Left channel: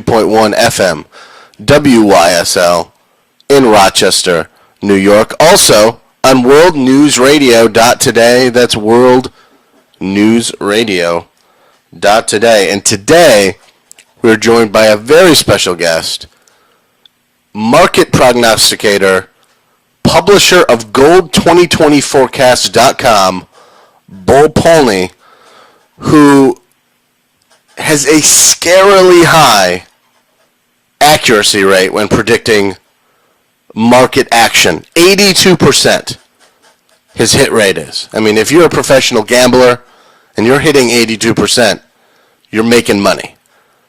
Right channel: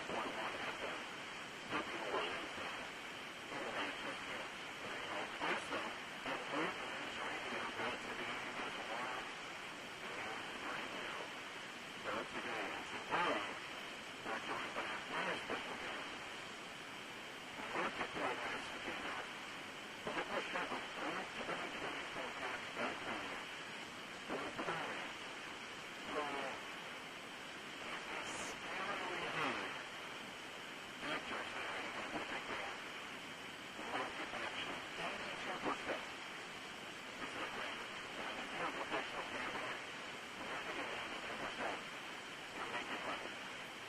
2.1 FM, WYSL in Rochester, New York. Also on worldnewsradio.today. That's worldnewsradio.today. And today we're joined by a very special guest, market prognosticator, publisher of Gold2020Forecast.com, Bull Polny, who has a scarily high accuracy rate when predicting market action. 82% his hit rate is. I mean, if you're a professional gambler and you're hitting 82%, you're making money.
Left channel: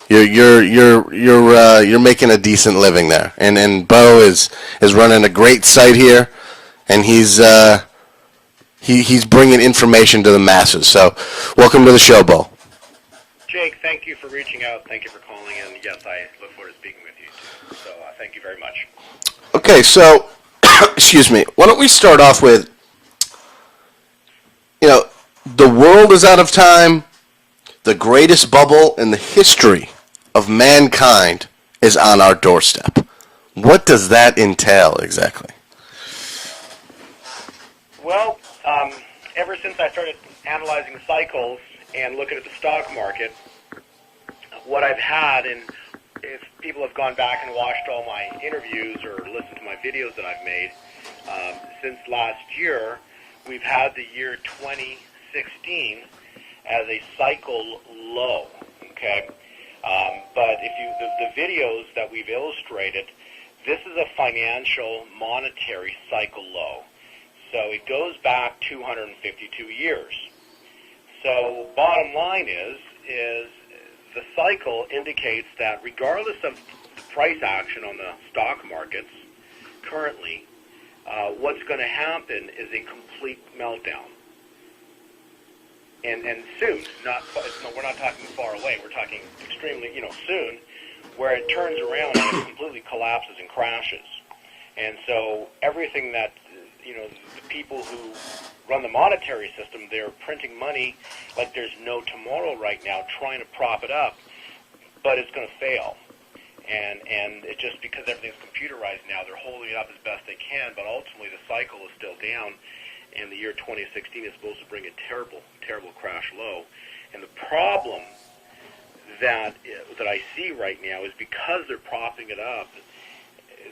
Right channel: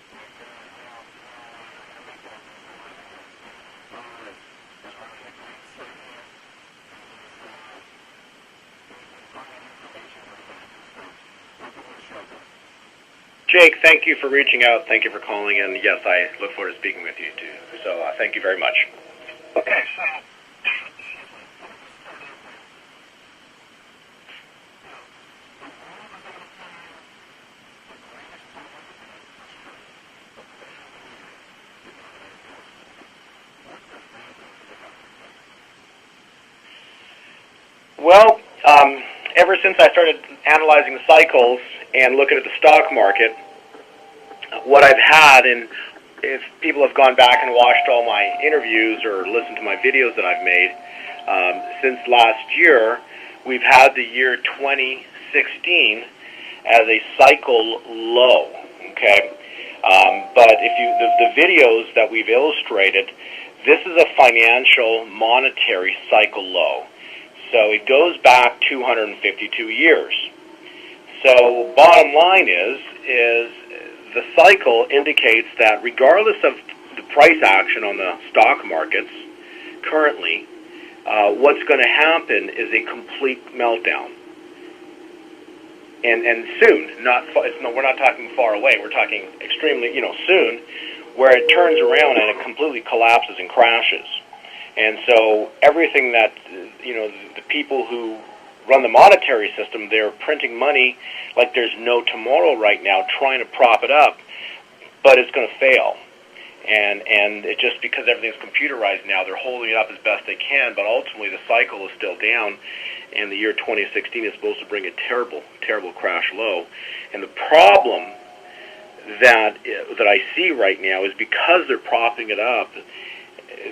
You're making a decent living there. And Bo is running a great site here, and he's bringing information to the masses. So, welcome to the show, Bo. Jake, thank you for reaching out. Thank you for calling in. Yes, I look forward to speaking with you too. So, thank you very much. Okay, so excuse me. Why don't we start off with, the world is out of time. The greatest bubble in the history of mankind is on our doorstep. What does that entail exactly? Well, ever since I started analyzing the cycles and looking at the stock market, what I've had, and if people have gone back and watched all my interviews or listened to my videos that I've made, since last year, we've had the year 2016 as a cycle low, okay? But if the videos that we've illustrated, this is a financial monetary cycle low. So it goes back 252 years. So bottom line is the cycle indicates that regardless of the price action on the stock markets currently, what's going to happen is a complete meltdown. And soon, we're not talking far away. We're talking extremely, soon, where it turns around and it completely collapses and crashes. And so everything that, the people who run the monetary system, they're printing money like there's no tomorrow right now, trying to prop it up, but it's going to fail. And it just because everything's computerized now, they're holding it up as best they can, but ultimately the cycle is still down. And the year 2016 is supposed to bring a terrible, terrible crash low. And the problem that I see right now is because they're propping it up,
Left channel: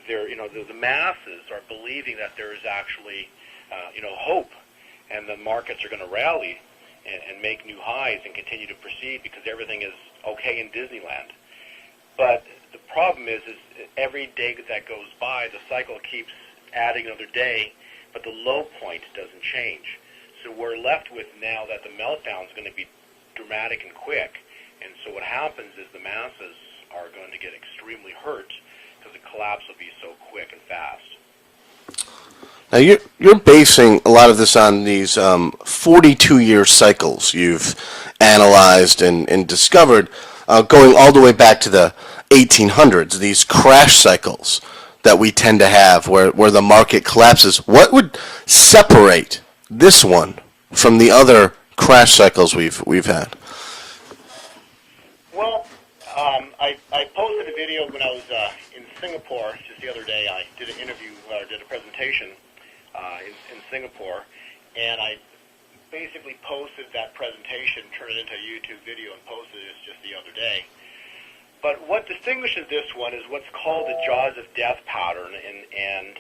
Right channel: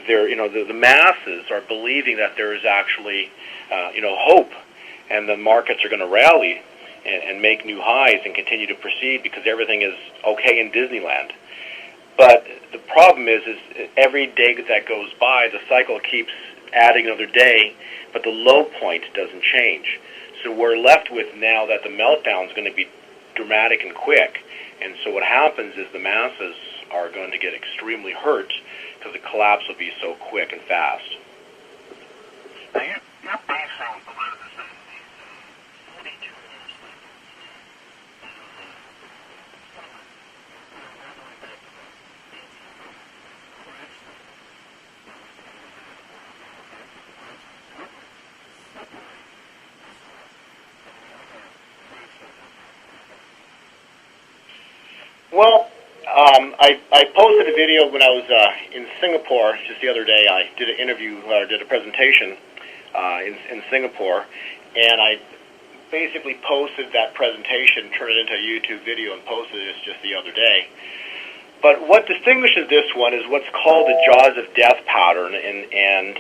the masses are believing that there is actually, hope, and the markets are going to rally and make new highs and continue to proceed because everything is okay in Disneyland. But the problem is every day that goes by, the cycle keeps adding another day, but the low point doesn't change. So we're left with now that the meltdown is going to be dramatic and quick. And so what happens is the masses are going to get extremely hurt because the collapse will be so quick and fast. Now you're basing a lot of this on these 42-year cycles you've analyzed and discovered, going all the way back to the 1800s, these crash cycles that we tend to have where the market collapses. What would separate this one from the other crash cycles we've had? Well, I posted a video when I was in Singapore just the other day. I did an interview, or did a presentation in Singapore, and I basically posted that presentation, turned it into a YouTube video, and posted it just the other day. But what distinguishes this one is what's called the jaws of death pattern, and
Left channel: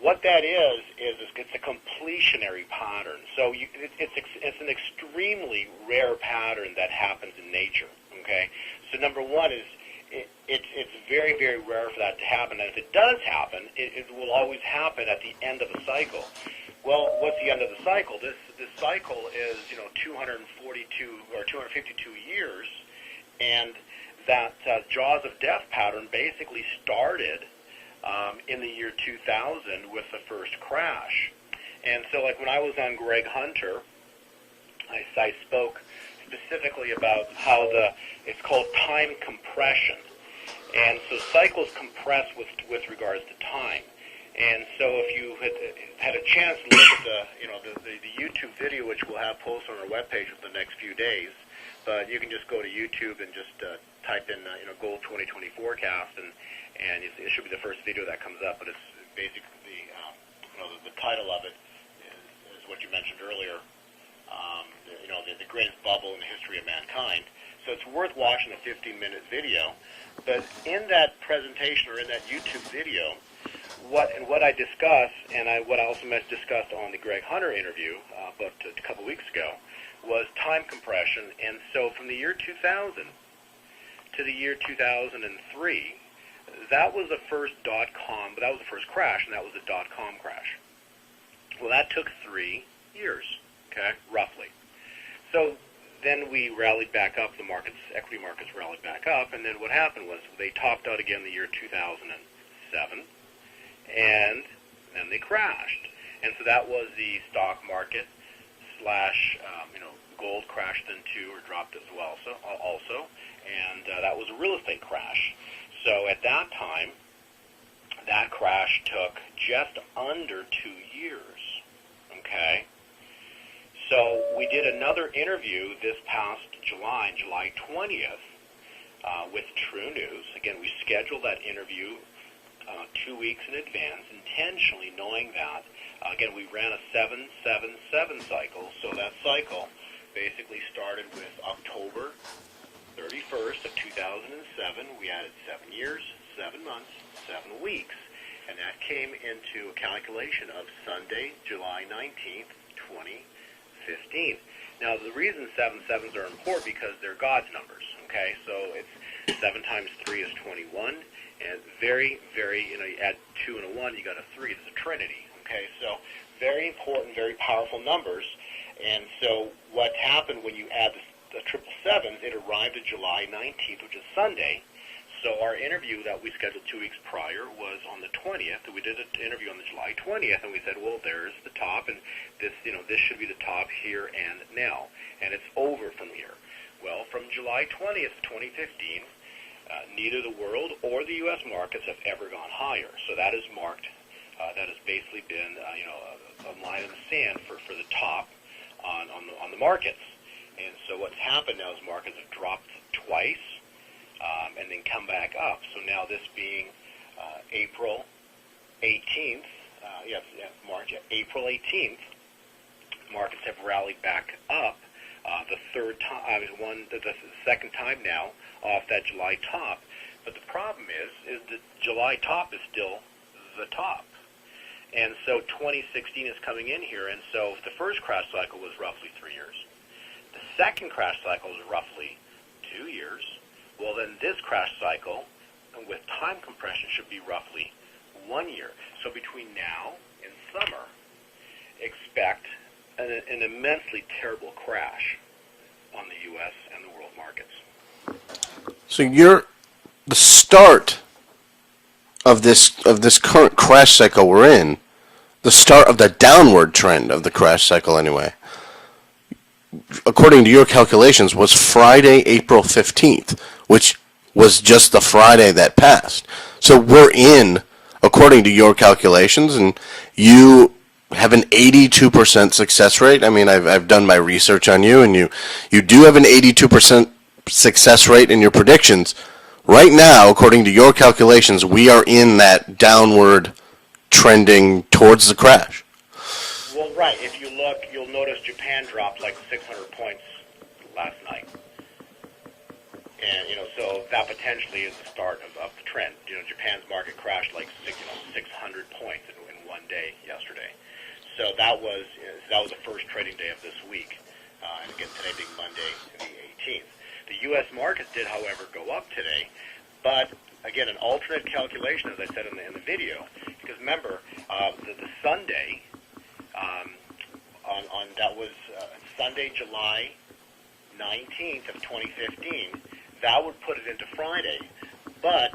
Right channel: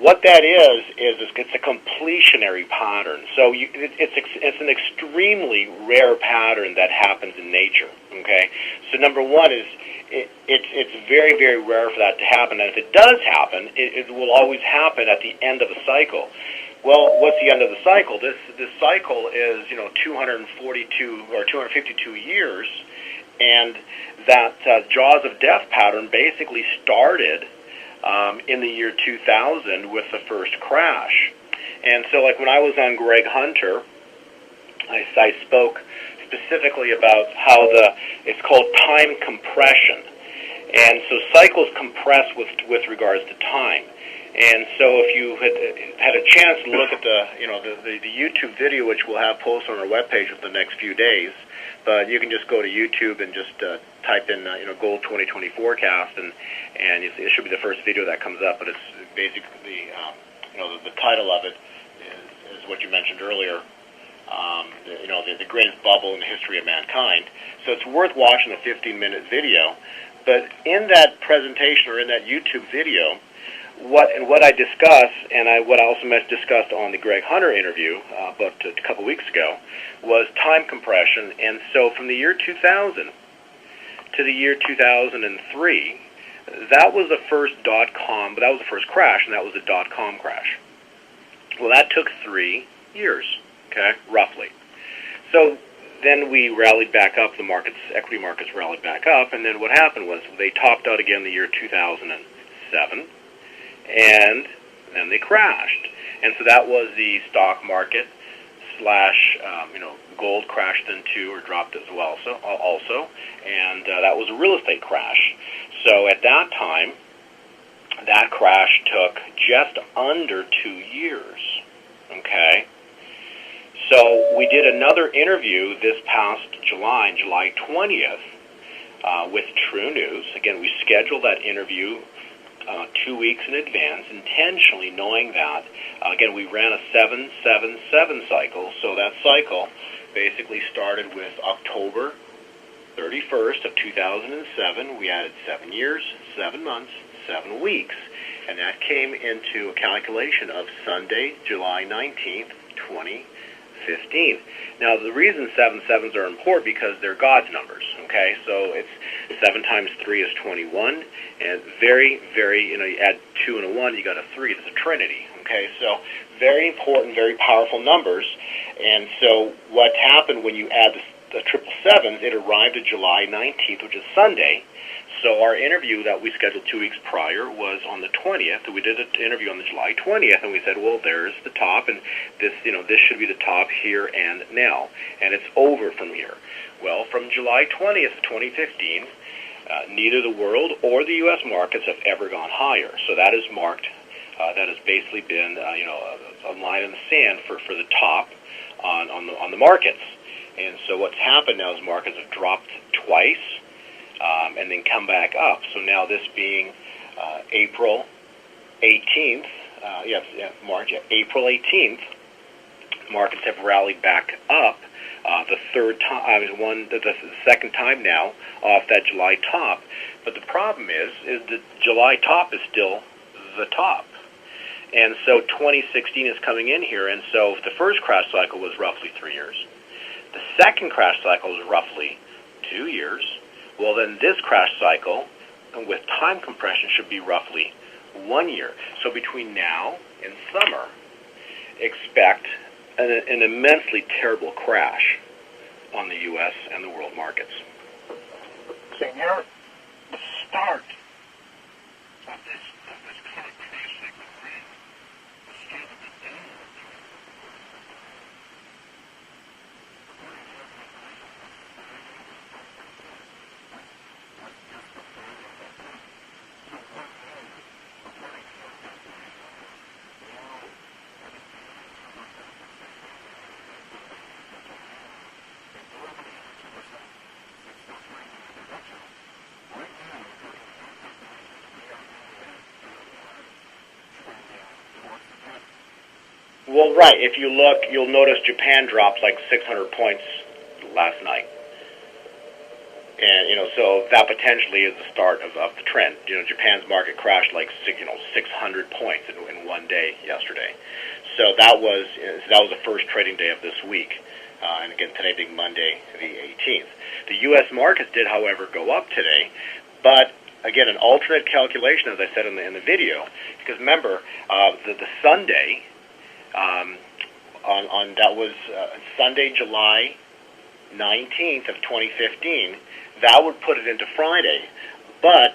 what that is it's a completionary pattern. So it's an extremely rare pattern that happens in nature. Okay, so number one is it's very, very rare for that to happen, and if it does happen, it will always happen at the end of a cycle. Well, what's the end of the cycle? This cycle is 242 or 252 years, and that jaws of death pattern basically started in the year 2000 with the first crash. And so, like when I was on Greg Hunter, I spoke specifically about how it's called time compression, and so cycles compress with regards to time. And so, if you had a chance to look at the YouTube video, which we'll have posted on our webpage for the next few days, but you can just go to YouTube and just type in gold 2020 forecast, and it should be the first video that comes up. But it's basically the title of it is what you mentioned earlier. The greatest bubble in the history of mankind. So it's worth watching the 15-minute video. But in that presentation or in that YouTube video, what I discuss, and what I also discussed on the Greg Hunter interview about a couple weeks ago, was time compression. And so from the year 2000 to the year 2003, that was the first dot-com, but that was the first crash, and that was the dot-com crash. Well, that took 3 years, okay, roughly. So then we rallied back up, equity markets rallied back up, and then what happened was they topped out again the year 2007, and then they crashed. And so that was the stock market slash, gold crashed then too, or dropped as well also, and that was a real estate crash. So at that time, that crash took just under 2 years, okay? So we did another interview this past July, July 20th, with True News. Again, we scheduled that interview 2 weeks in advance, intentionally knowing that, again, we ran a 7-7-7 cycle. So that cycle basically started with October 31st of 2007. We added 7 years, 7 months, 7 weeks. And that came into a calculation of Sunday, July 19th, 2015. Now, the reason 7/7s are important because they're God's numbers, okay? So it's 7 times 3 is 21, and very, very, you add 2 and a 1, you got a 3. It's a trinity, okay? So very important, very powerful numbers. And so what happened when you add the 777s, it arrived at July 19th, which is Sunday. So our interview that we scheduled 2 weeks prior was on the 20th. We did an interview on the July 20th, and we said, well, there's the top, and this should be the top here and now, and it's over from here. Well, from July 20th of 2015, neither the world or the U.S. markets have ever gone higher. So that is marked. That has basically been, a line in the sand for the top on the markets. And so what's happened now is markets have dropped twice. And then come back up. So now this being April 18th, April 18th, markets have rallied back up the third time, the second time now off that July top. But the problem is the July top is still the top. And so 2016 is coming in here, and so the first crash cycle was roughly 3 years. The second crash cycle was roughly 2 years. Well, then this crash cycle, with time compression, should be roughly 1 year. So between now and summer, expect an immensely terrible crash on the U.S. and the world markets. So the start of this current crash cycle we're in, the start of the downward trend of the crash cycle anyway, according to your calculations, was Friday, April 15th, which was just the Friday that passed. So we're in, according to your calculations, and you have an 82% success rate. I mean, I've done my research on you, and you do have an 82% success rate in your predictions. Right now, according to your calculations, we are in that downward trending towards the crash. Well, right. If you look, you'll notice Japan dropped like 600 points last night. And, so that potentially is the start of the trend. Japan's market crashed like 600 points in 1 day yesterday. So that was the first trading day of this week. And again, today being Monday, the 18th. The U.S. markets did, however, go up today. But, again, an alternate calculation, as I said in the video, because remember, the Sunday, that was Sunday, July 19th of 2015, that would put it into Friday, but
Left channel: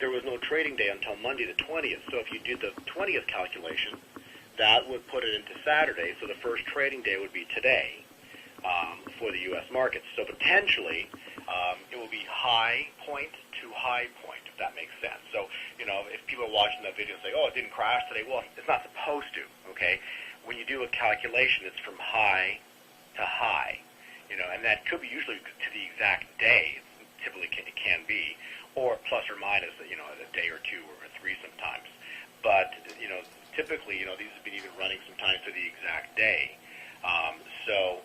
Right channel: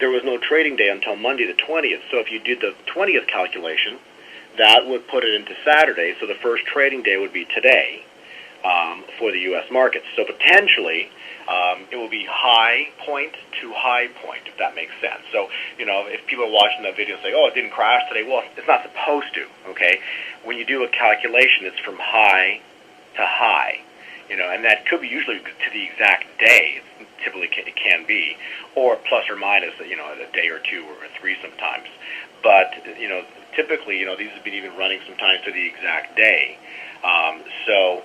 there was no trading day until Monday the 20th. So if you did the 20th calculation, that would put it into Saturday. So the first trading day would be today for the U.S. markets. So potentially it will be high point to high point, if that makes sense. So, if people are watching that video and say, oh, it didn't crash today, well, it's not supposed to, okay? When you do a calculation, it's from high to high. and that could be usually to the exact day. Typically, it can be, or plus or minus, a day or two or three sometimes. But typically, these have been even running sometimes to the exact day. So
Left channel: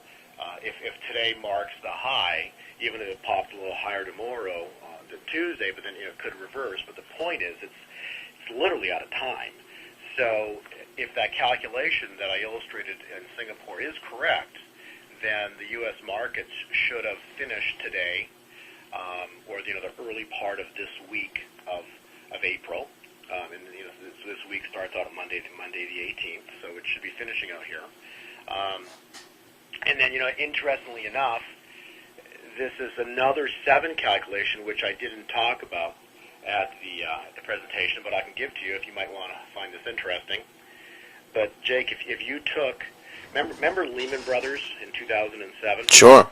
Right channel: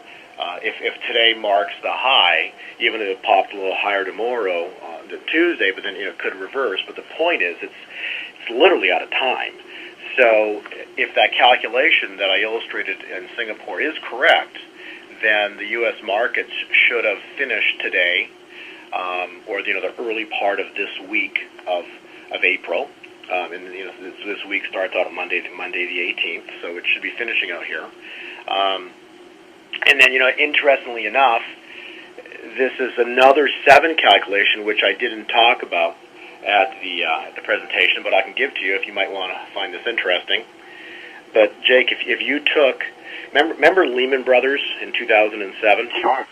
if today marks the high, even if it popped a little higher tomorrow on the Tuesday, but then it could reverse. But the point is, it's literally out of time. So if that calculation that I illustrated in Singapore is correct, then the U.S. markets should have finished today, or the early part of this week of April. And this week starts out on Monday the 18th, so it should be finishing out here. And then interestingly enough, this is another 7 calculation which I didn't talk about at the presentation, but I can give to you if you might want to find this interesting. But Jake, if you took, remember Lehman Brothers in 2007? Sure.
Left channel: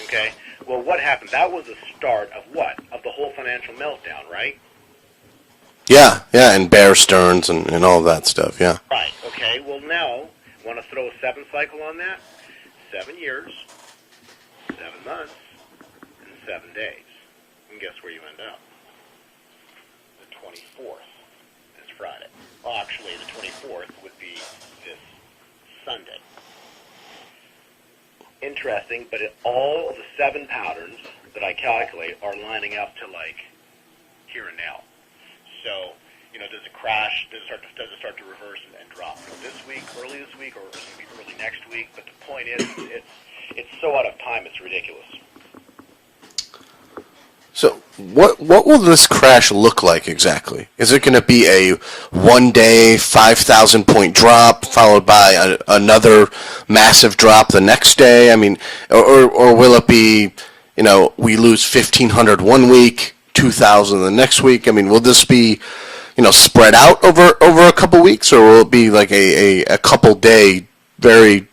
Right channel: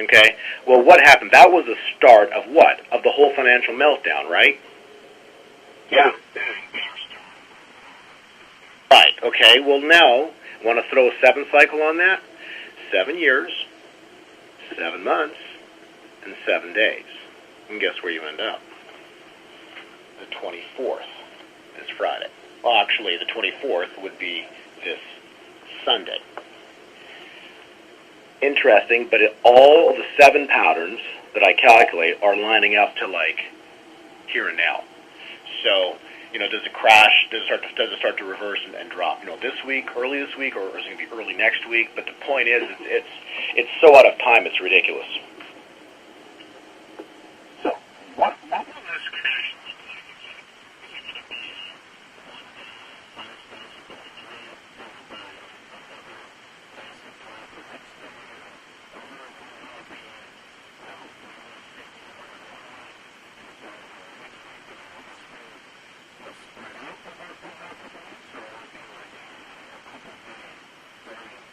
Okay. Well, what happened? That was the start of what? Of the whole financial meltdown, right? Yeah, and Bear Stearns and all of that stuff, yeah. Right. Okay. Well, now, want to throw a 7 cycle on that? 7 years, 7 months, and 7 days. And guess where you end up? The 24th, this Friday. Well, actually, the 24th would be this Sunday. Interesting, but all the 7 patterns that I calculate are lining up to like here and now. So, does it crash? Does it start to reverse and drop? This week, early this week, or is it going to be early next week? But the point is, it's so out of time, it's ridiculous. So, what will this crash look like exactly? Is it going to be a one-day 5,000-point drop followed by another massive drop the next day? I mean, or will it be, we lose 1,500 one week, 2,000 the next week? I mean, will this be, spread out over a couple weeks, or will it be like a couple day, very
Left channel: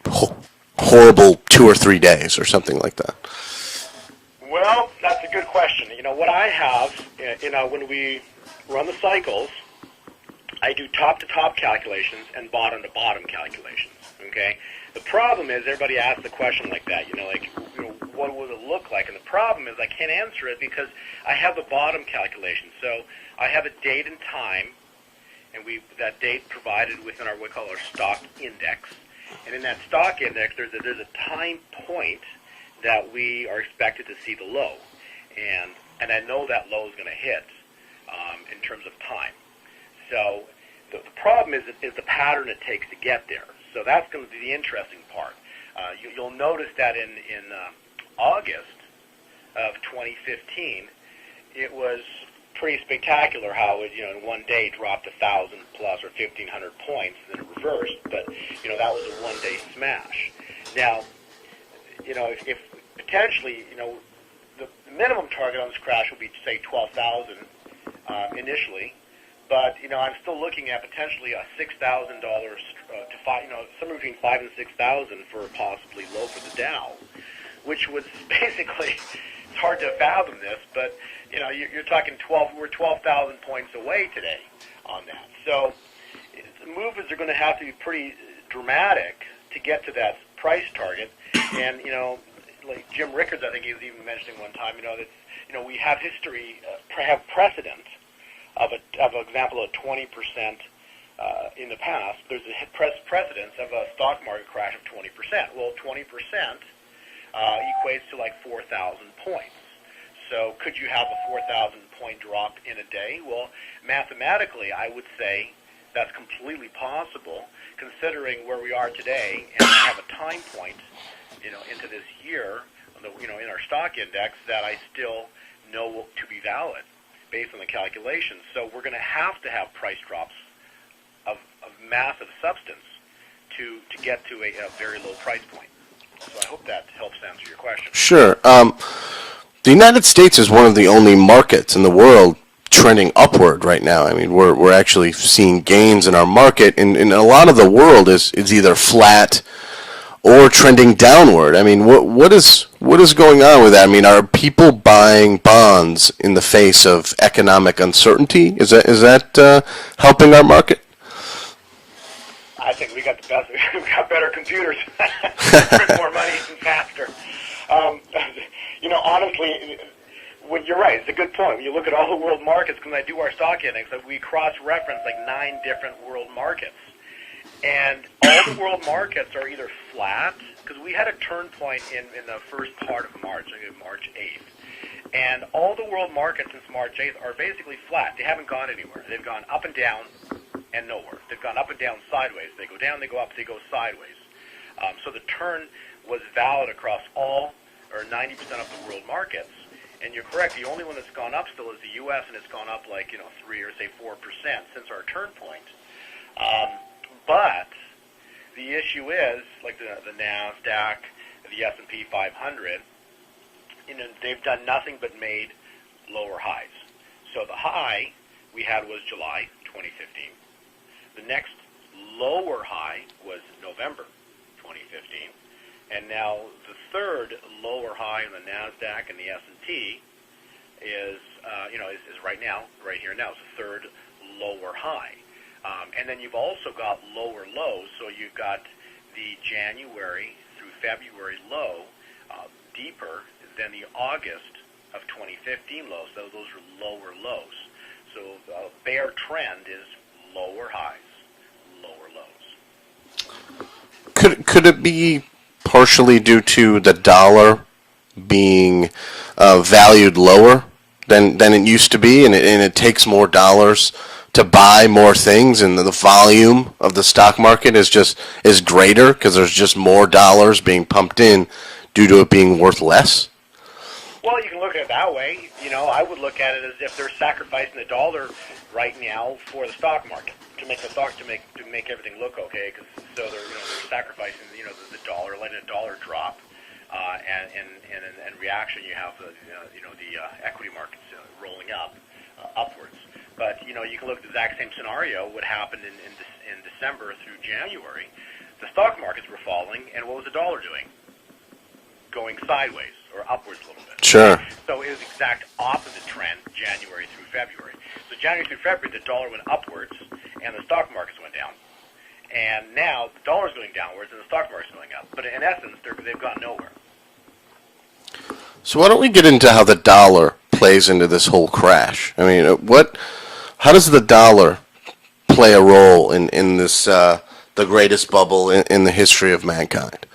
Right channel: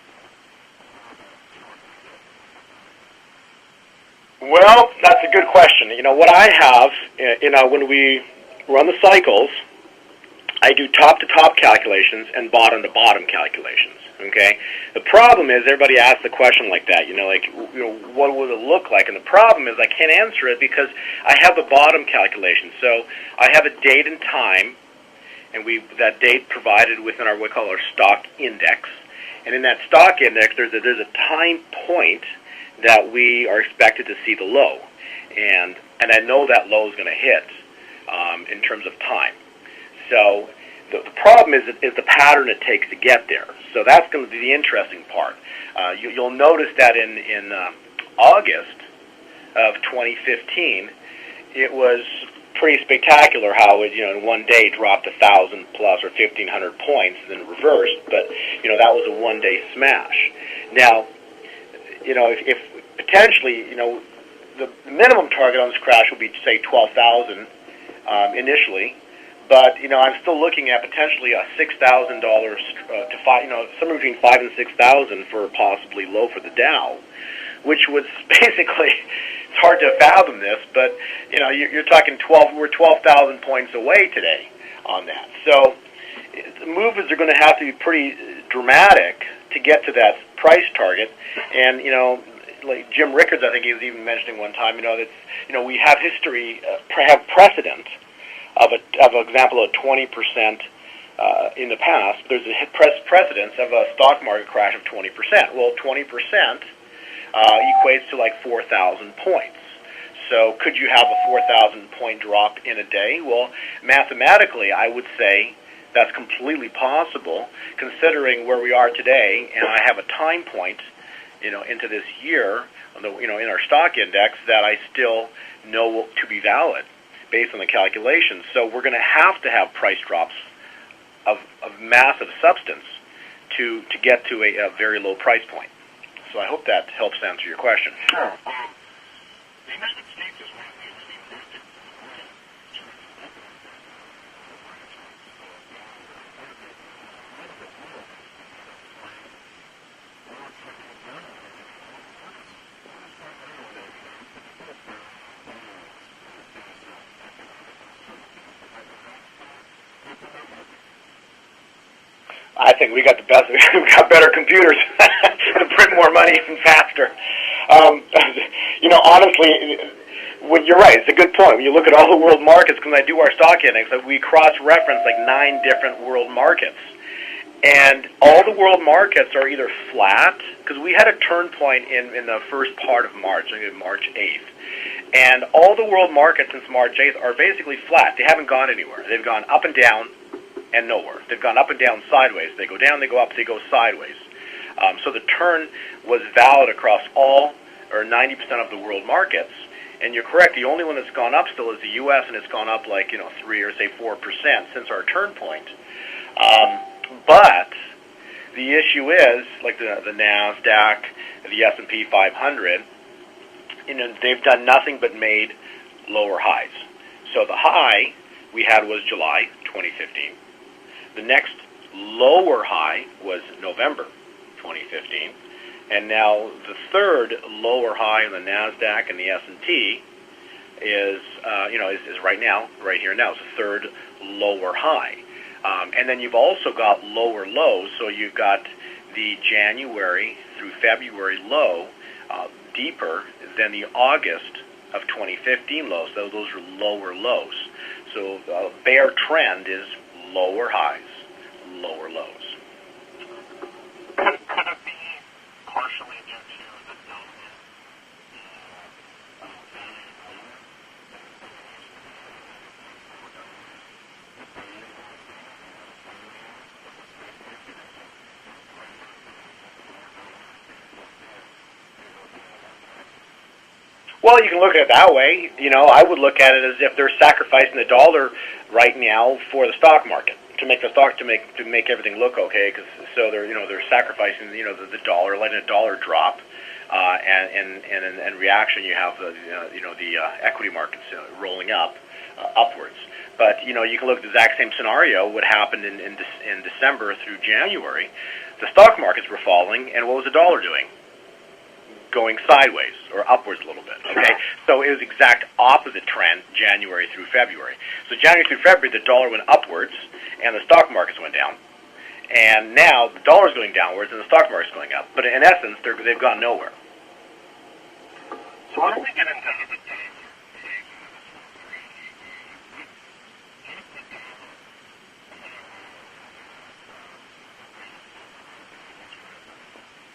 horrible 2 or 3 days or something like that? Well, that's a good question. What I have, when we run the cycles, I do top-to-top calculations and bottom-to-bottom calculations, okay? The problem is everybody asks the question like that, what would it look like? And the problem is I can't answer it because I have the bottom calculation. So I have a date and time, and that date provided within what we call our stock index. And in that stock index, there's a time point that we are expected to see the low. And I know that low is going to hit in terms of time. So the problem is the pattern it takes to get there. So that's going to be the interesting part. You'll notice that in August of 2015, it was pretty spectacular how it, in one day dropped 1,000 plus or 1,500 points and then reversed. But, that was a one-day smash. Now, if potentially, the minimum target on this crash will be, say, 12,000 initially. But I'm still looking at potentially a $6,000 to somewhere between 5,000 and 6,000 for possibly low for the Dow, which was basically, it's hard to fathom this, but you're talking we're 12,000 points away today on that. So the movements are going to have to be pretty dramatic to get to that price target, and like Jim Rickards, I think he was even mentioning one time, that we have history, have precedent of an example of 20% in the past. There's a precedence of a stock market crash of 20%. Well, 20% equates to like 4,000 points. So could you have a 4,000 point drop in a day? Well, mathematically, I would say that's completely possible, considering where we are today, and I have a time point, into this year, in our stock index that I still know to be valid based on the calculations. So we're going to have price drops of massive substance to get to a very low price point. So I hope that helps answer your question. Sure. The United States is one of the only markets in the world trending upward right now. I mean, we're actually seeing gains in our market, and a lot of the world is either flat or trending downward. I mean, what is going on with that? I mean, are people buying bonds in the face of economic uncertainty? Is that helping our market? I think we got the best. We got better computers to print more money and faster. Um, honestly, you're right. It's a good point. When you look at all the world markets, because I do our stock index, we cross-reference like 9 different world markets. And all the world markets are either flat, because we had a turn point in the first part of March, I think March 8th. And all the world markets since March 8th are basically flat. They haven't gone anywhere. They've gone up and down and nowhere. They've gone up and down sideways. They go down, they go up, they go sideways. So the turn was valid across all, or 90% of the world markets. And you're correct, the only one that's gone up still is the U.S., and it's gone up like, 3 or say 4% since our turn point. But the issue is, like the NASDAQ, the S&P 500, they've done nothing but made lower highs. So the high we had was July 2015. The next lower high was November 2015. And now the third lower high on the NASDAQ and the S&P is right now, right here now. It's the third lower high. And then you've also got lower lows. So you've got the January through February low deeper than the August of 2015 lows. So those are lower lows. So bear trend is lower highs, lower lows. Could it be partially due to the dollar being valued lower than it used to be, and it takes more dollars to buy more things, and the volume of the stock market is greater because there's just more dollars being pumped in due to it being worth less? Well, you can look at it that way. I would look at it as if they're sacrificing the dollar right now for the stock market to make everything look okay. So they're sacrificing the dollar, letting the dollar drop, and in reaction you have the equity markets rolling upwards. But you can look at the exact same scenario. What happened in December through January, the stock markets were falling, and what was the dollar doing? Going sideways or upwards a little bit. Sure. Okay? So it was exact opposite trend January through February. So January through February, the dollar went upwards, and the stock markets went down. And now the dollar's going downwards, and the stock market's going up. But in essence, they've gone nowhere. So why don't we get into how the dollar plays into this whole crash? I mean, how does the dollar play a role in this the greatest bubble in the history of mankind?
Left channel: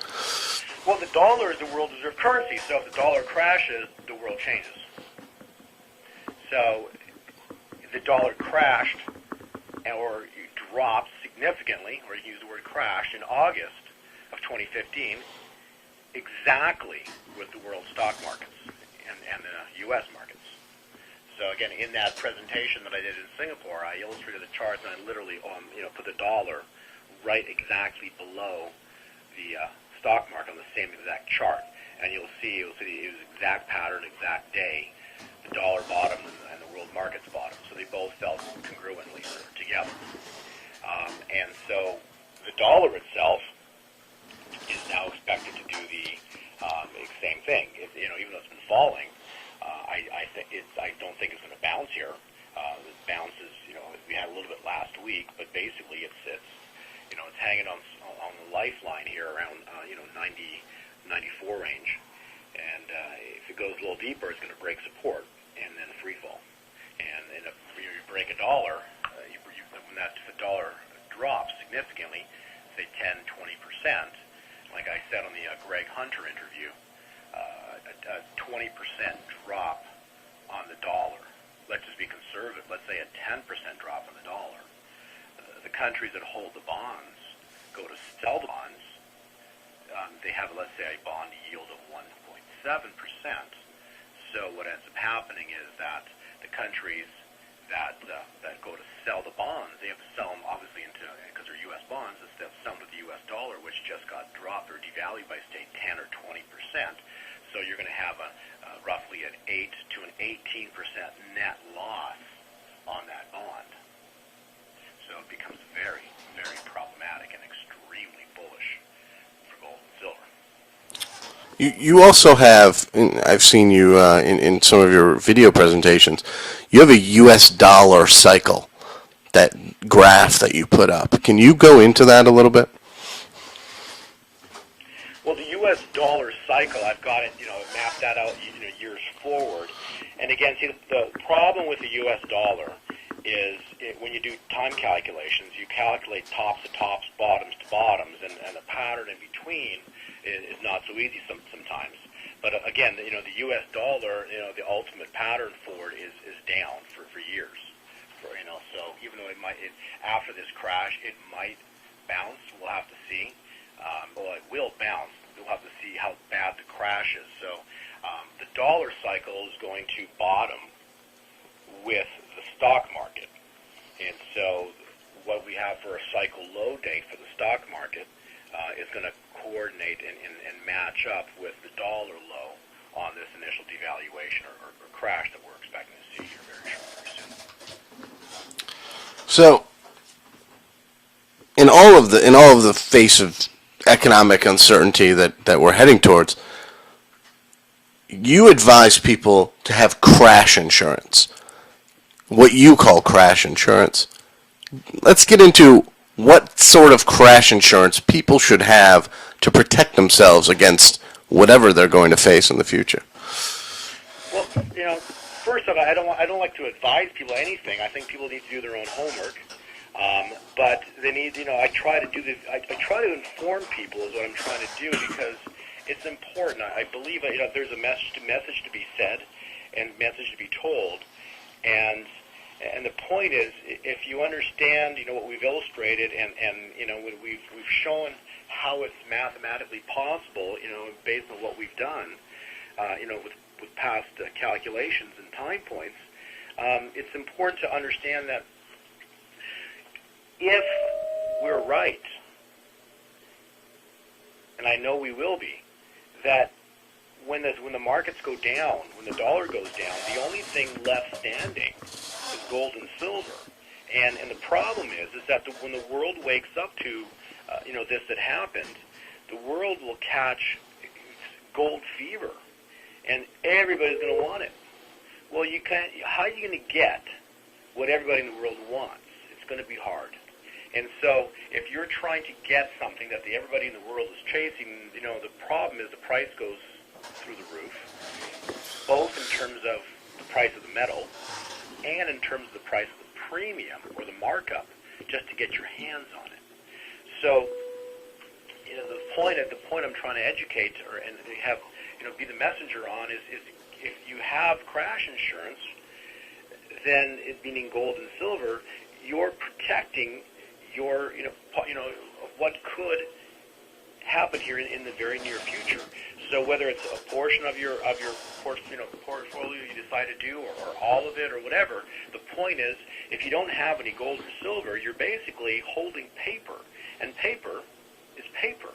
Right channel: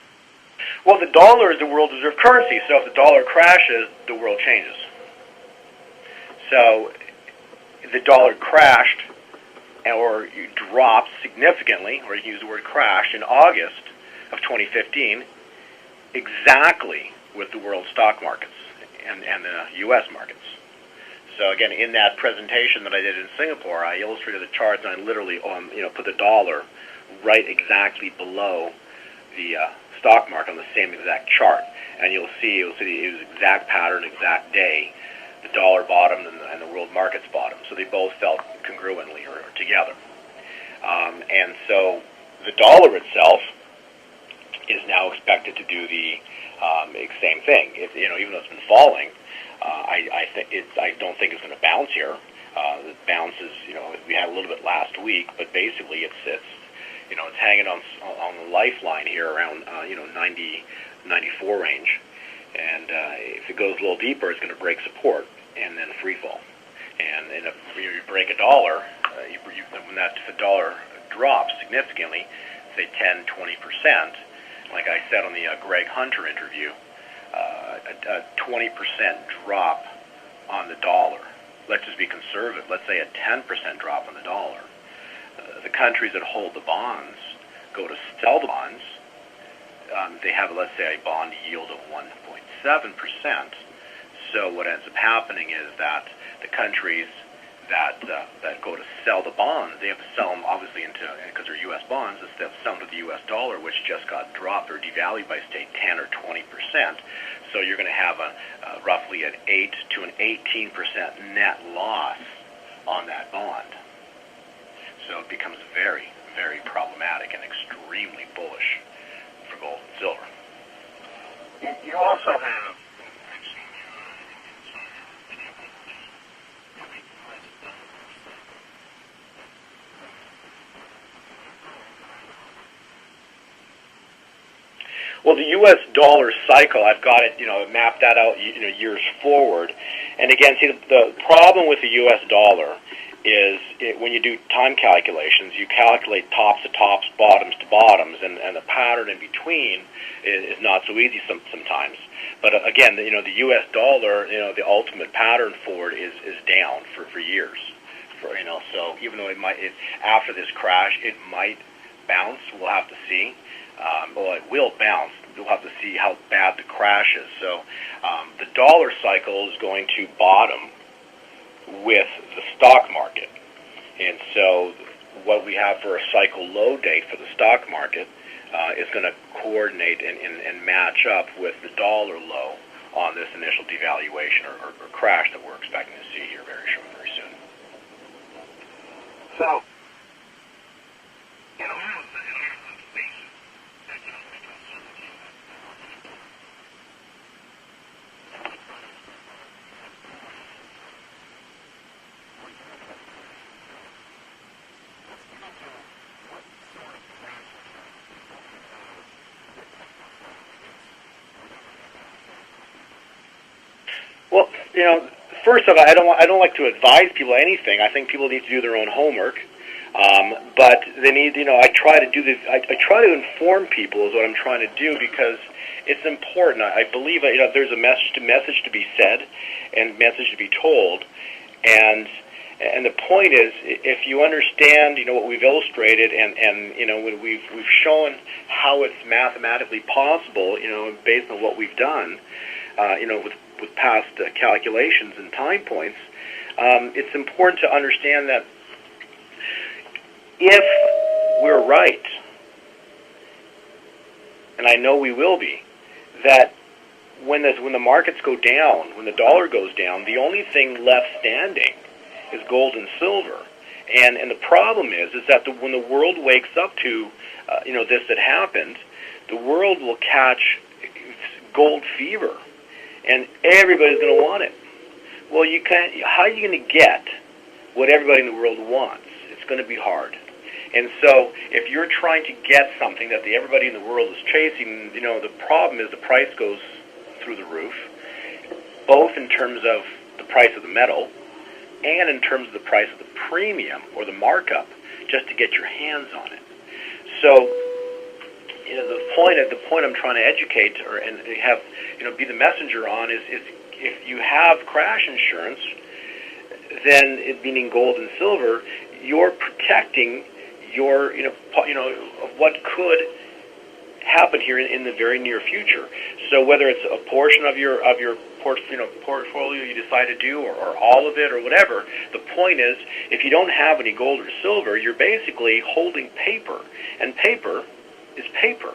Well, the dollar is the world reserve currency, so if the dollar crashes, the world changes. So the dollar crashed or dropped significantly, or you can use the word crash, in August of 2015, exactly with the world stock markets and the U.S. markets. So again, in that presentation that I did in Singapore, I illustrated the charts, and I literally put the dollar right exactly below the stock market on the same exact chart, and you'll see it was exact pattern, exact day. The dollar bottomed and the world markets bottomed, so they both fell congruently or together. And so the dollar itself is now expected to do the same thing. Even though it's been falling, I don't think it's going to bounce here. The bounce is, we had a little bit last week, but basically it's hanging on the lifeline here around 90, 94 range, and if it goes a little deeper, it's going to break support and then free fall. And if you break a dollar, if the dollar drops significantly, say 10, 20%, like I said on the Greg Hunter interview, a 20% drop on the dollar. Let's just be conservative. Let's say a 10% drop on the dollar. The countries that hold the bonds go to sell the bonds. They have, let's say, a bond yield of 1.7%. So what ends up happening is that the countries that go to sell the bonds, they have to sell them obviously because they're U.S. bonds, they have to sell them to the U.S. dollar, which just got dropped or devalued by, say, 10 or 20%. So you're going to have roughly an 8 to an 18% net loss on that bond. So it becomes very, very problematic and extremely bullish for gold and silver. You also have, I've seen you in some of your video presentations, you have a U.S. dollar cycle, that graph that you put up. Can you go into that a little bit? Well, the U.S. dollar cycle, I've got it, mapped that out, years forward. And again, see, the problem with the U.S. dollar is when you do time calculations, you calculate tops to tops, bottoms to bottoms, and the pattern in between is not so easy sometimes. But again, the U.S. dollar, the ultimate pattern for it is down for years. So even though after this crash, it might bounce. We'll have to see. Well, it will bounce. We'll have to see how bad the crash is. So the dollar cycle is going to bottom with the stock market. And so what we have for a cycle low date for the stock market is going to coordinate and match up with the dollar low on this initial devaluation or crash that we're expecting to see here very soon. So, in all of the face of economic uncertainty that we're heading towards, you advise people to have crash insurance, what you call crash insurance. Let's get into what sort of crash insurance people should have to protect themselves against whatever they're going to face in the future. Well, first of all, I don't like to advise people anything. I think people need to do their own homework. But they need, I try to do this. I try to inform people is what I'm trying to do because it's important. I believe there's a message to be said and message to be told, and the point is, if you understand, what we've illustrated, and when we've shown how it's mathematically possible, based on what we've done, with past calculations and time points, it's important to understand that if we're right, and I know we will be, that when the markets go down, when the dollar goes down, the only thing left standing is gold and silver. And the problem is that when the world wakes up to this that happened, the world will catch gold fever, and everybody's going to want it. Well, you can't. How are you going to get what everybody in the world wants? It's going to be hard. And so, if you're trying to get something that everybody in the world is chasing, the problem is the price goes through the roof, both in terms of the price of the metal and in terms of the price of the premium or the markup, just to get your hands on it. So, the point I'm trying to educate and have be the messenger on is if you have crash insurance, then it meaning gold and silver, you're protecting your of what could happen here in the very near future. So whether it's a portion of your portfolio you decide to do, or all of it, or whatever, the point is, if you don't have any gold or silver, you're basically holding paper, and paper is paper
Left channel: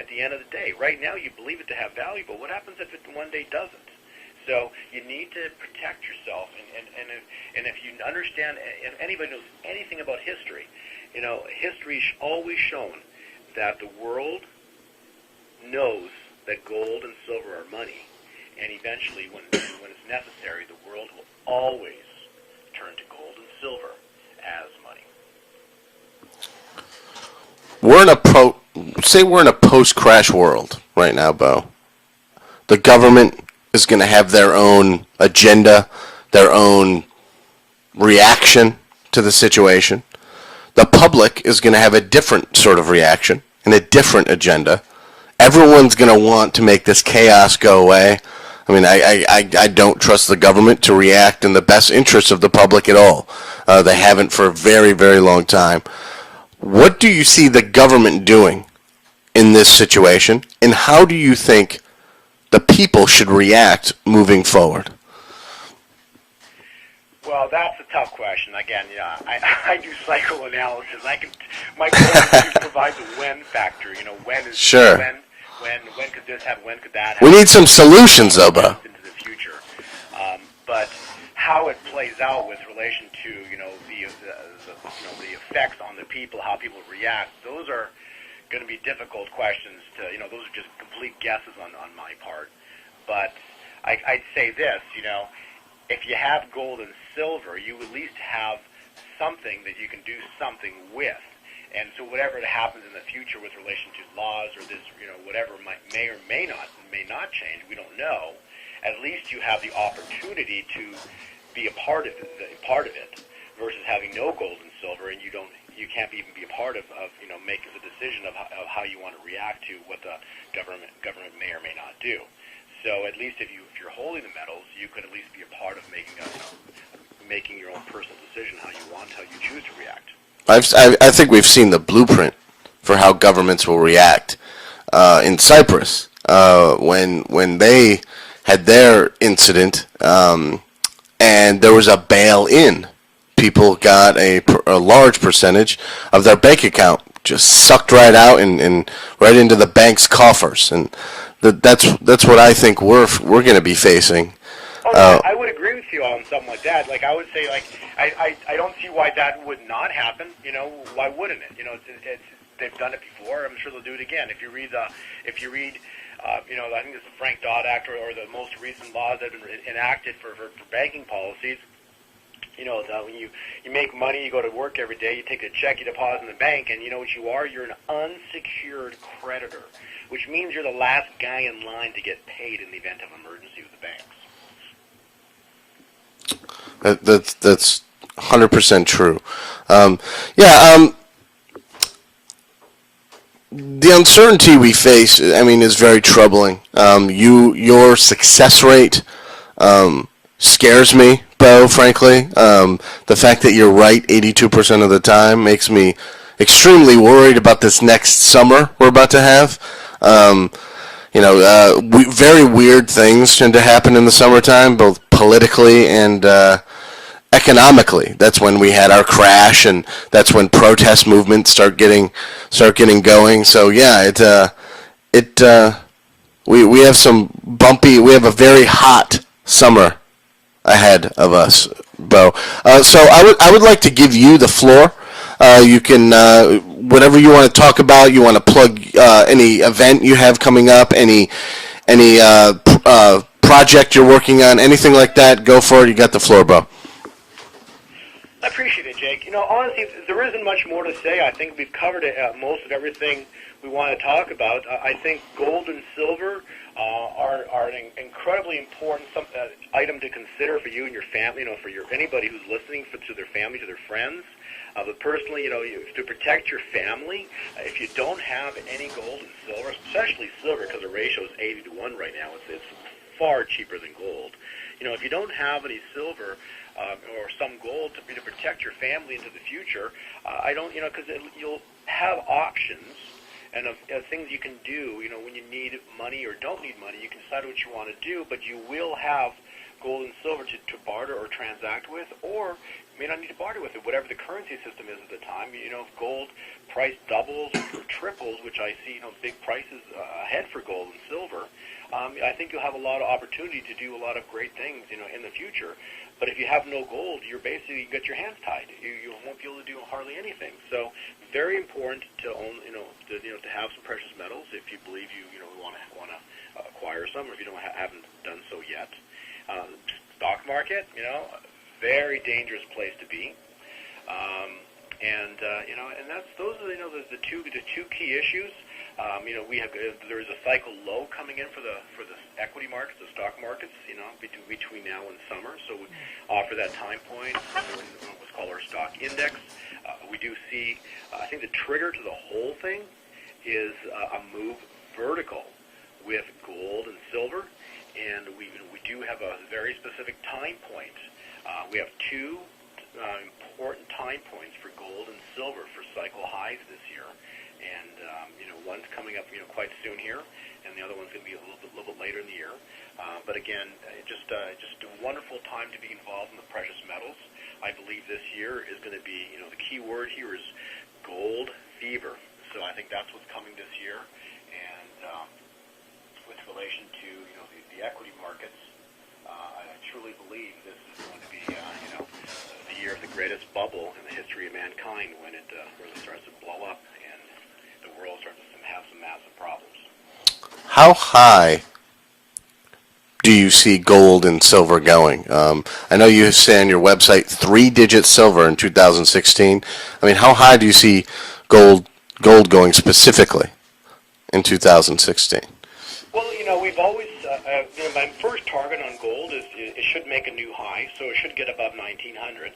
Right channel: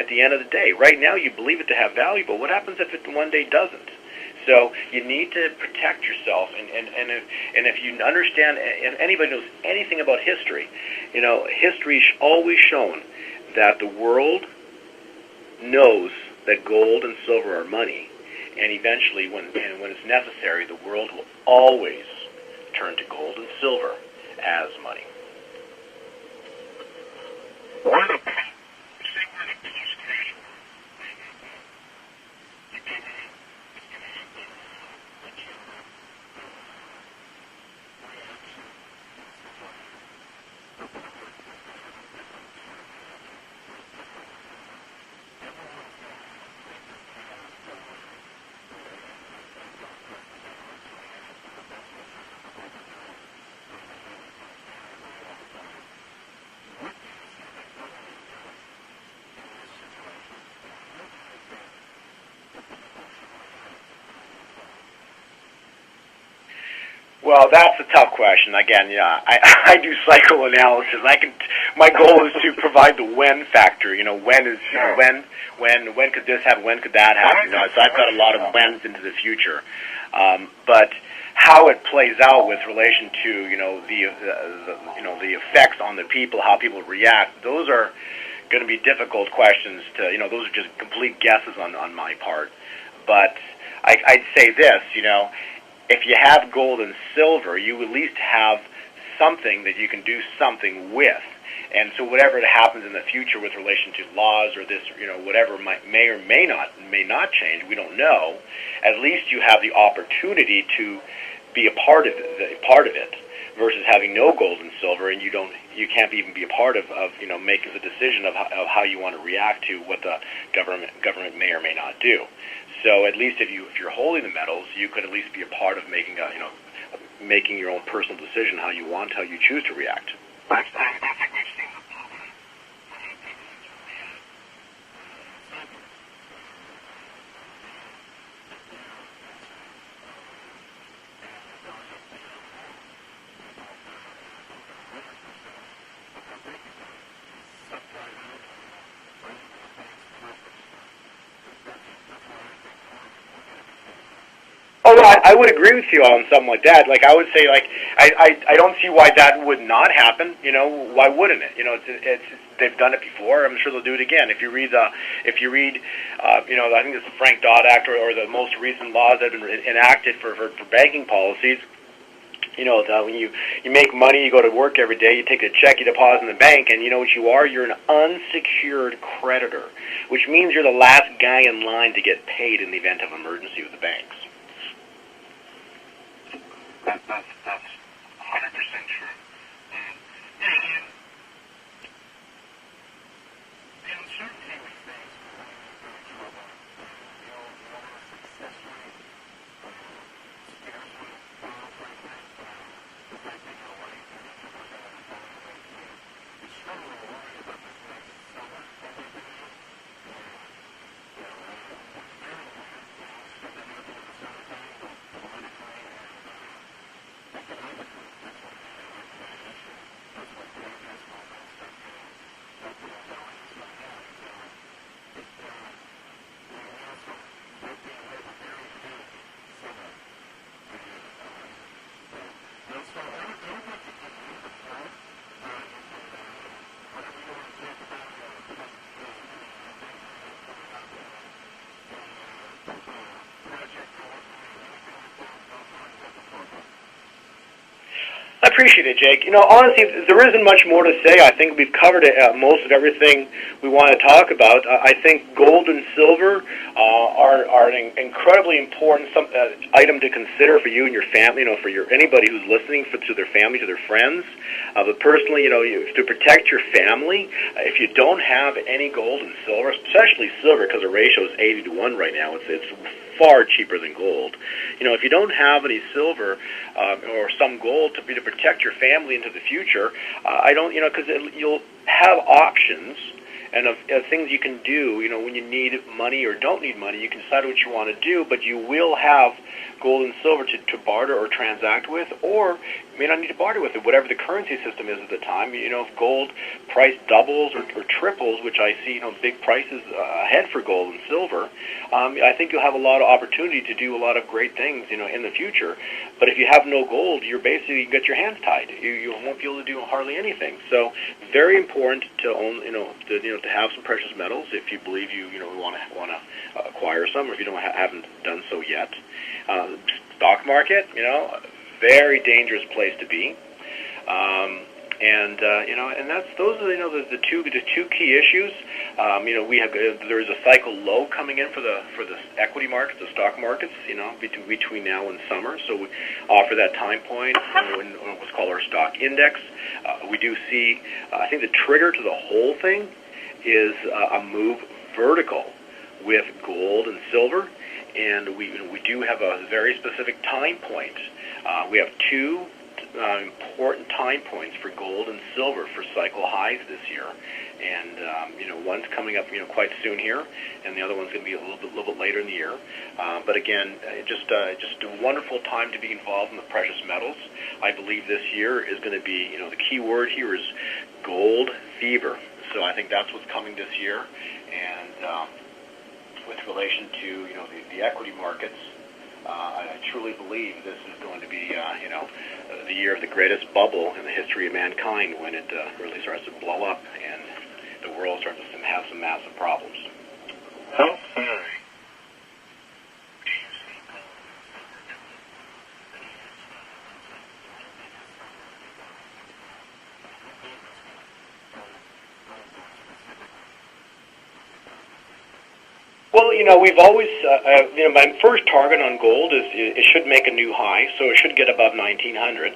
at the end of the day. Right now you believe it to have value, but what happens if it one day doesn't? So you need to protect yourself, and if you understand, if anybody knows anything about history, history's always shown that the world knows that gold and silver are money, and eventually, when it's necessary, the world will always turn to gold and silver as money. We're in a post-crash world right now, Bo. The government is going to have their own agenda, their own reaction to the situation. The public is going to have a different sort of reaction and a different agenda. Everyone's going to want to make this chaos go away. I mean, I don't trust the government to react in the best interest of the public at all. They haven't for a very, very long time. What do you see the government doing in this situation, and how do you think the people should react moving forward? Well, that's a tough question. Again, I do psychoanalysis. My goal is to provide the when factor. When is sure. When could this happen? When could that happen? We need some solutions, though, Bo. Into the future, but how it plays out with relation to the effects on the people, how people react, those are going to be difficult questions to, those are just complete guesses on my part. But I'd say this, if you have gold and silver, you at least have something that you can do something with. And so whatever happens in the future with relation to laws or this, whatever may or may not change, we don't know. At least you have the opportunity to be a part of it, versus having no gold and silver, and you can't even be a part of making the decision of how you want to react to what the government may or may not do. So at least if you're holding the metals, you could at least be a part of making your own personal decision how you choose to react. I think we've seen the blueprint for how governments will react in Cyprus when they had their incident, and there was a bail-in. People got a large percentage of their bank account just sucked right out and right into the bank's coffers, and that's what I think we're going to be facing. Oh, no, I would agree with you on something like that. Like, I would say, like, I don't see why that would not happen. Why wouldn't it? It's they've done it before. I'm sure they'll do it again. If you read, I think it's the Frank Dodd Act or the most recent laws that have been enacted for banking policies. When you make money, you go to work every day, you take a check, you deposit in the bank, and you know what you are? You're an unsecured creditor, which means you're the last guy in line to get paid in the event of emergency with the banks. That's 100% true. The uncertainty we face, is very troubling. Your success rate scares me, Bo, frankly. The fact that you're right 82% of the time makes me extremely worried about this next summer we're about to have. Very weird things tend to happen in the summertime, both politically and economically. That's when we had our crash, and that's when protest movements start getting going. So yeah, we have we have a very hot summer ahead of us, Bo. So I would like to give you the floor. You can whatever you want to talk about. You want to plug any event you have coming up, any project you're working on, anything like that. Go for it. You got the floor, Bo. I appreciate it, Jake. Honestly, there isn't much more to say. I think we've covered most of everything we want to talk about. I think gold and silver are an incredibly important item to consider for you and your family. For anybody who's listening, to their family, to their friends. But personally, to protect your family, if you don't have any gold and silver, especially silver, because the ratio is 80-1 right now, it's far cheaper than gold. If you don't have any silver or some gold to protect your family into the future, because you'll have options and of things you can do. When you need money or don't need money, you can decide what you want to do, but you will have gold and silver to barter or transact with, or you may not need to barter with it, whatever the currency system is at the time. If gold price doubles or triples, which I see, big prices ahead for gold and silver, I think you'll have a lot of opportunity to do a lot of great things, in the future. But if you have no gold, you're basically got your hands tied. You won't be able to do hardly anything. So very important to own, to have some precious metals if you believe you want to acquire some, or if you haven't done so yet. Stock market, very dangerous place to be, and those are the two key issues. We have there is a cycle low coming in for the equity markets, the stock markets, between now and summer. So we offer that time point in what's called our stock index. We do see, I think the trigger to the whole thing is a move vertical with gold and silver. And we do have a very specific time point. We have two important time points for gold and silver for cycle highs this year, and one's coming up quite soon here, and the other one's going to be a little bit later in the year. But again, just a wonderful time to be involved in the precious metals. I believe this year is going to be the key word here is gold fever. So I think that's what's coming this year, and with relation to the equity markets, I truly believe this is going to be the year of the greatest bubble in the history of mankind, when it really starts to blow up and the world starts to have some massive problems. How high do you see gold and silver going? I know you say on your website 3-digit silver in 2016. How high do you see gold going specifically in 2016? Well, we've always, my first target on gold is it should make a new high, so it should get above 1900.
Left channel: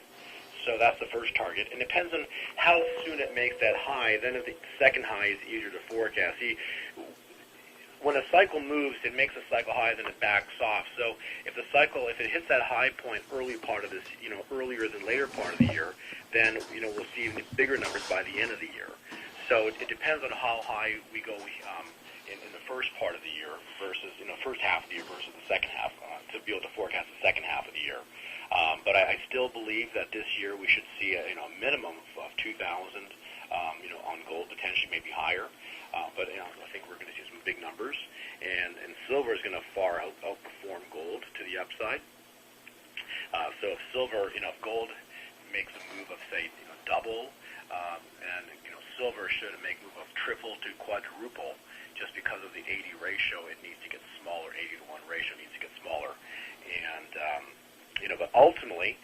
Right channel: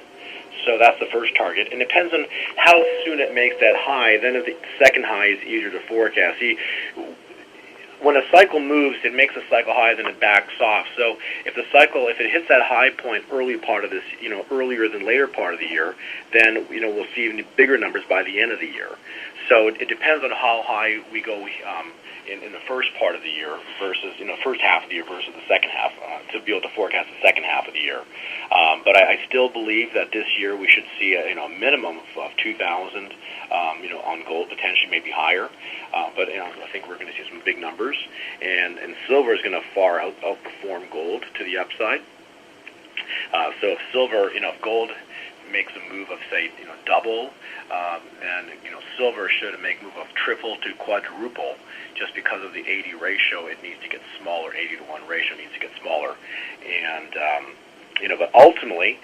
So that's the first target. And it depends on how soon it makes that high. Then the second high is easier to forecast. See, when a cycle moves, it makes a cycle high, then it backs off. So if it hits that high point early part of this, earlier than later part of the year, then, we'll see even bigger numbers by the end of the year. So it depends on how high we go in the first part of the year versus, first half of the year versus the second half, to be able to forecast the second half of the year. But I still believe that this year we should see a minimum of 2,000, on gold, potentially maybe higher. But I think we're going to see some big numbers, and silver is going to far outperform gold to the upside. So if silver, if gold makes a move of, say, double, then silver should make a move of triple to quadruple. Just because of the 80 ratio, it needs to get smaller. 80 to 1 ratio needs to get smaller, and but ultimately,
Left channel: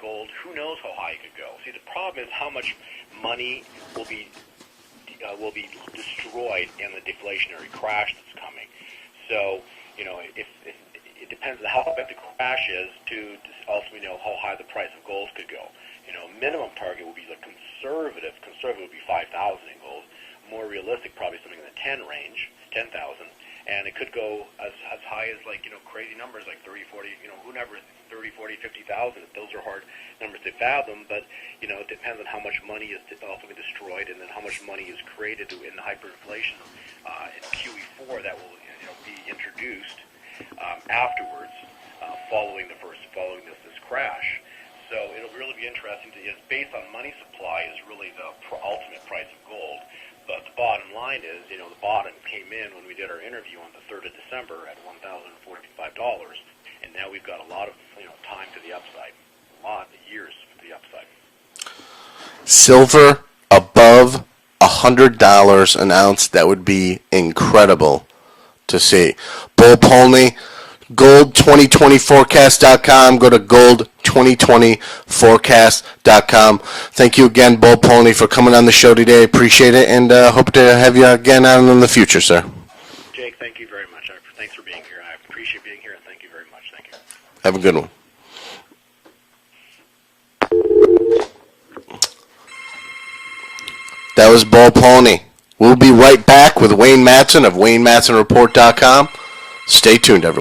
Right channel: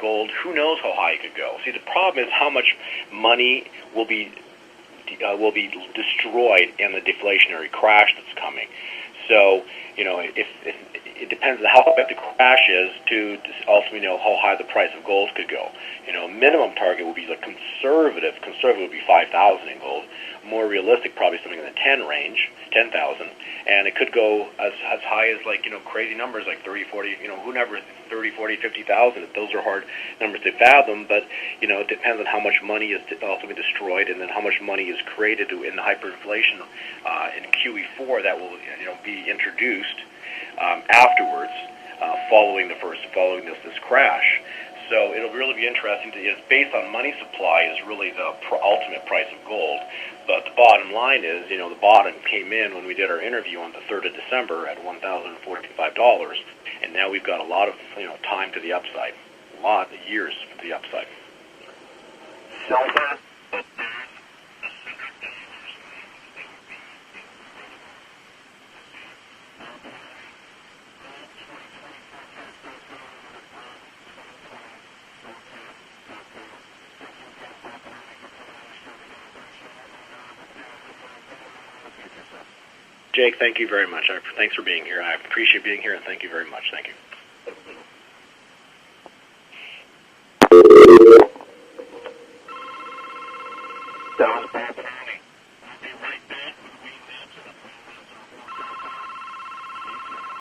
gold, who knows how high it could go. See, the problem is how much money will be destroyed in the deflationary crash that's coming. So, if it depends on how big the crash is to ultimately know how high the price of gold could go. Minimum target would be the conservative would be 5,000 in gold. More realistic, probably something in the 10 range, 10,000, and it could go as high as crazy numbers like 30, 40, whoever, 30, 40, 50,000. Those are hard numbers to fathom, but it depends on how much money is ultimately destroyed, and then how much money is created in hyperinflation in QE4 that will be introduced afterwards, following this crash. So it'll really be interesting. It's based on money supply is really the ultimate price of gold. But the bottom line is, the bottom came in when we did our interview on the 3rd of December at $1,045, and now we've got a lot of time to the upside, a lot of years to the upside. Silver above $100 an ounce. That would be incredible to see. Bull Polny, gold2020forecast.com. Go to gold2020forecast.com. Thank you again, Bull Polny, for coming on the show today. Appreciate it, and hope to have you again on in the future, sir. Jake, thank you very much. Thanks for being here. I appreciate being here, and thank you very much. Thank you. Have a good one. That was Bull Polny. We'll be right back with Wayne Matson of WayneMatsonReport.com. Stay tuned, everyone.